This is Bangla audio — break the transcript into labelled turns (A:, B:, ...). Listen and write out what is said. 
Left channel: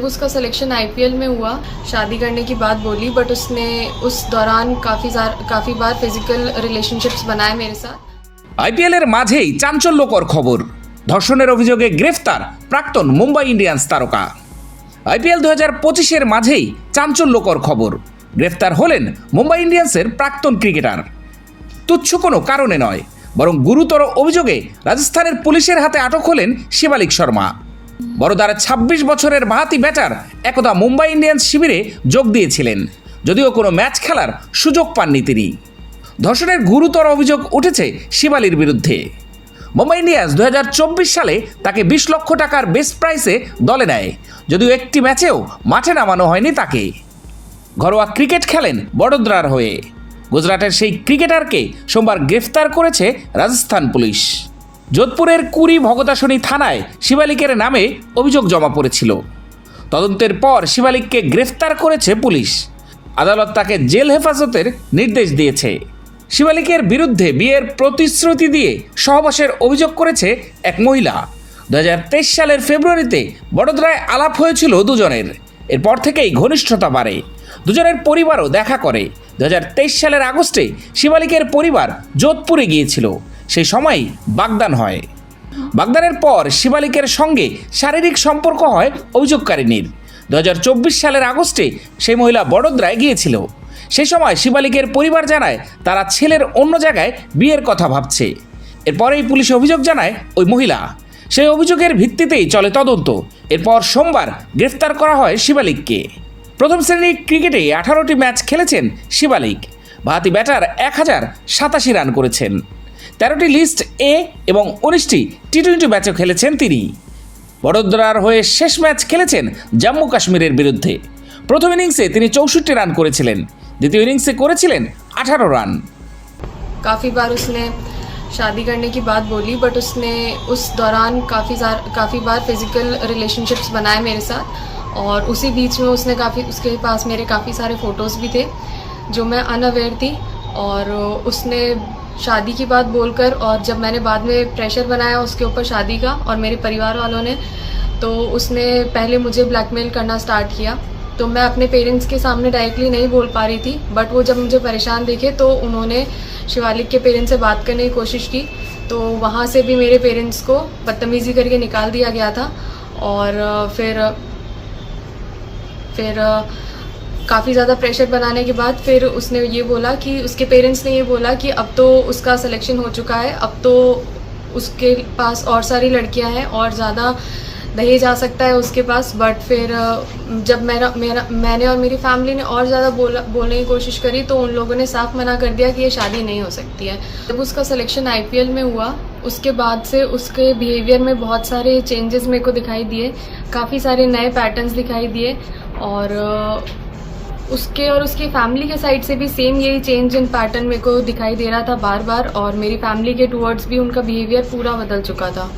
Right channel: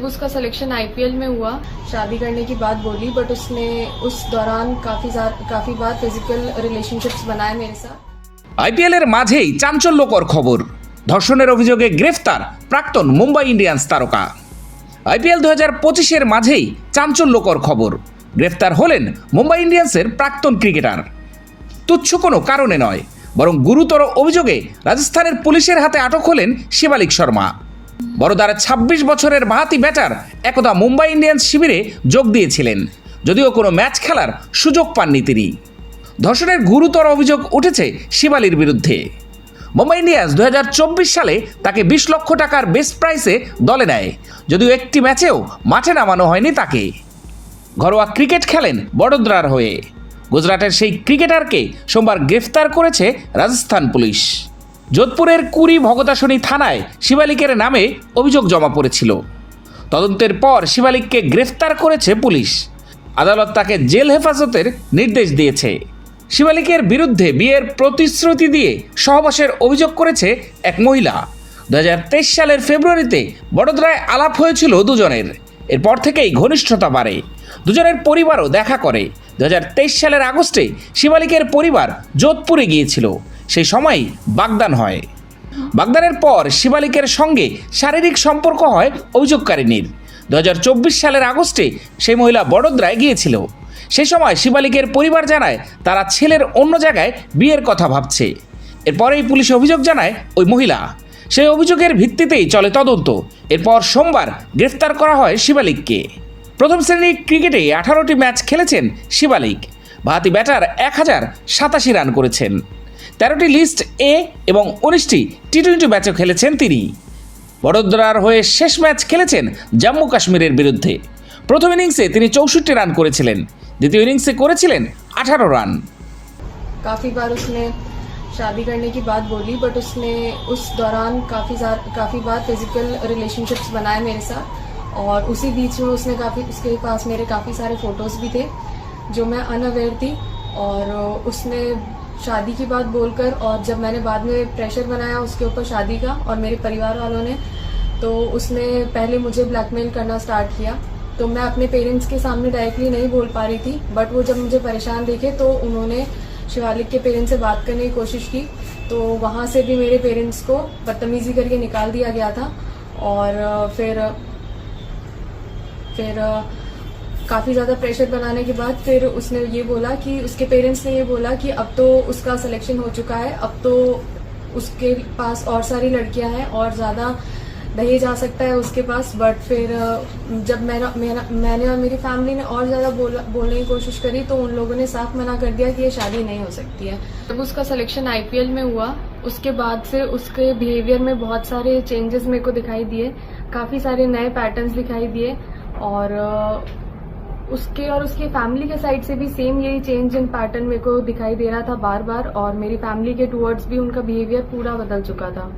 A: जब उसका सिलेक्शन आईपीएल में हुआ शादी करने की बात बोली बट उसने उस दौरान काफ़ी काफ़ी बार फिजिकल रिलेशनशिप्स बनाए मेरे साथ
B: আইপিএল এর মাঝেই চাঞ্চল্যকর খবর ধর্ষণের অভিযোগে গ্রেফতার প্রাক্তন মুম্বাই ইন্ডিয়ান্স তারকা আইপিএল দু হাজার পঁচিশের মাঝেই চাঞ্চল্যকর খবর গ্রেফতার হলেন মুম্বাই ইন্ডিয়ান্সের প্রাক্তন ক্রিকেটার তুচ্ছ কোনো কারণে নয় বরং গুরুতর অভিযোগে রাজস্থানের পুলিশের হাতে আটক হলেন শিবালিক শর্মা বড়দার ২৬ বছরের বাহাতি ব্যাটার একদা মুম্বাই ইন্ডিয়ান্স শিবিরে যোগ দিয়েছিলেন। যদিও কোনো ম্যাচ খেলার সুযোগ পাননি তিনি। ধর্ষণের গুরুতর অভিযোগ উঠেছে শিবালির বিরুদ্ধে। মুম্বাই ইন্ডিয়ান্স দু হাজার চব্বিশ সালে তাকে বিশ লক্ষ টাকার বেস্ট প্রাইসে দলে নেয়। যদিও একটি ম্যাচেও মাঠে নামানো হয়নি তাকে। ঘরোয়া ক্রিকেট খেলেন বড়োদরার হয়ে। গুজরাটের সেই ক্রিকেটারকে সোমবার গ্রেফতার করেছে রাজস্থান পুলিশ। যোধপুরের কুড়ি ভগতাসনী থানায় শিবালিকের নামে অভিযোগ জমা পড়েছিল। তদন্তের পর শিবালিককে গ্রেফতার করেছে পুলিশ। আদালত তাকে জেল হেফাজতের নির্দেশ দিয়েছে। শিবালিকের বিরুদ্ধে বিয়ের প্রতিশ্রুতি দিয়ে সহবাসের অভিযোগ করেছে এক মহিলা। দু হাজার তেইশ সালের ফেব্রুয়ারিতে বড়োদরায় আলাপ হয়েছিল দুজনের। এরপর থেকেই ঘনিষ্ঠতা বাড়ে। দুজনের পরিবারও দেখা করে। দু হাজার তেইশ সালের আগস্টে শিবালিকের পরিবার যোধপুরে গিয়েছিল। সেই সময়ই বাগদান হয়। বাগদানের পর শিবালিকের সঙ্গে শারীরিক সম্পর্ক হয় অভিযোগকারিনীর দু হাজার চব্বিশ সালের আগস্টে সেই মহিলা বড়োদরায় গিয়েছিল। সে সময় শিবালিকের পরিবার জানায় তারা ছেলের অন্য জায়গায় বিয়ের কথা ভাবছে। এরপরেই পুলিশ অভিযোগ জানায় ওই মহিলা। সেই অভিযোগের ভিত্তিতেই চলে তদন্ত। এরপর সোমবার গ্রেফতার করা হয় শিবালিককে। প্রথম শ্রেণির ক্রিকেটে আঠারোটি ম্যাচ খেলেছেন শিবালিক। ভাতি ব্যাটার এক হাজার সাতাশি রান করেছেন। তেরোটি লিস্ট এ এবং উনিশটি টি টোয়েন্টি ম্যাচও খেলেছেন তিনি বড়োদরার হয়ে শেষ ম্যাচ খেলেছেন জম্মু কাশ্মীরের বিরুদ্ধে প্রথম ইনিংসে তিনি চৌষট্টি রান করেছিলেন দ্বিতীয় ইনিংসে করেছিলেন আঠারো রান
A: काफ़ी बार उसने शादी करने की बात बोली बट उसने उस दौरान काफ़ी काफ़ी बार फिजिकल रिलेशनशिप्स बनाए मेरे साथ और उसी बीच में उसने काफ़ी उसके पास मेरे काफ़ी सारे फ़ोटोज़ भी थे जो मैं अनअवेयर थी और उसने शादी की बात बोलकर और जब मैंने बाद में प्रेशर बनाया उसके ऊपर शादी का और मेरे परिवार वालों ने तो उसने पहले मुझे ब्लैकमेल करना स्टार्ट किया। तो मैं अपने पेरेंट्स के सामने डायरेक्टली नहीं बोल पा रही थी बट वो जब मुझे परेशान देखे तो उन्होंने शिवालिक के पेरेंट्स से बात करने की कोशिश की। तो वहाँ से भी मेरे पेरेंट्स को बदतमीज़ी करके निकाल दिया गया था और फिर फिर काफ़ी ज़्यादा प्रेशर बनाने के बाद फिर उसने ये बोला कि, उसके पेरेंट्स ने ये बोला कि अब तो उसका सिलेक्शन हो चुका है, अब तो उसके पास और सारी लड़कियाँ हैं और ज़्यादा दहेज आ सकता है उसके पास। बट फिर जब मेरा मेरा मैंने और मेरी फैमिली ने और ज़्यादा बोला, बोलने की कोशिश करी तो उन लोगों ने साफ़ मना कर दिया कि ये शादी नहीं हो सकती है। जब उसका सिलेक्शन आईपीएल में हुआ, उसके बाद से उसके बिहेवियर में बहुत सारे चेंजेस मेरे को दिखाई दिए, काफ़ी सारे नए पैटर्न्स दिखाई दिए और उसके और उसकी फैमिली के साइड से भी सेम यही चेंज इन पैटर्न मेरे को दिखाई दे रहा था बार बार और मेरी फैमिली के टूवर्ड्स भी उनका बिहेवियर पूरा बदल चुका था।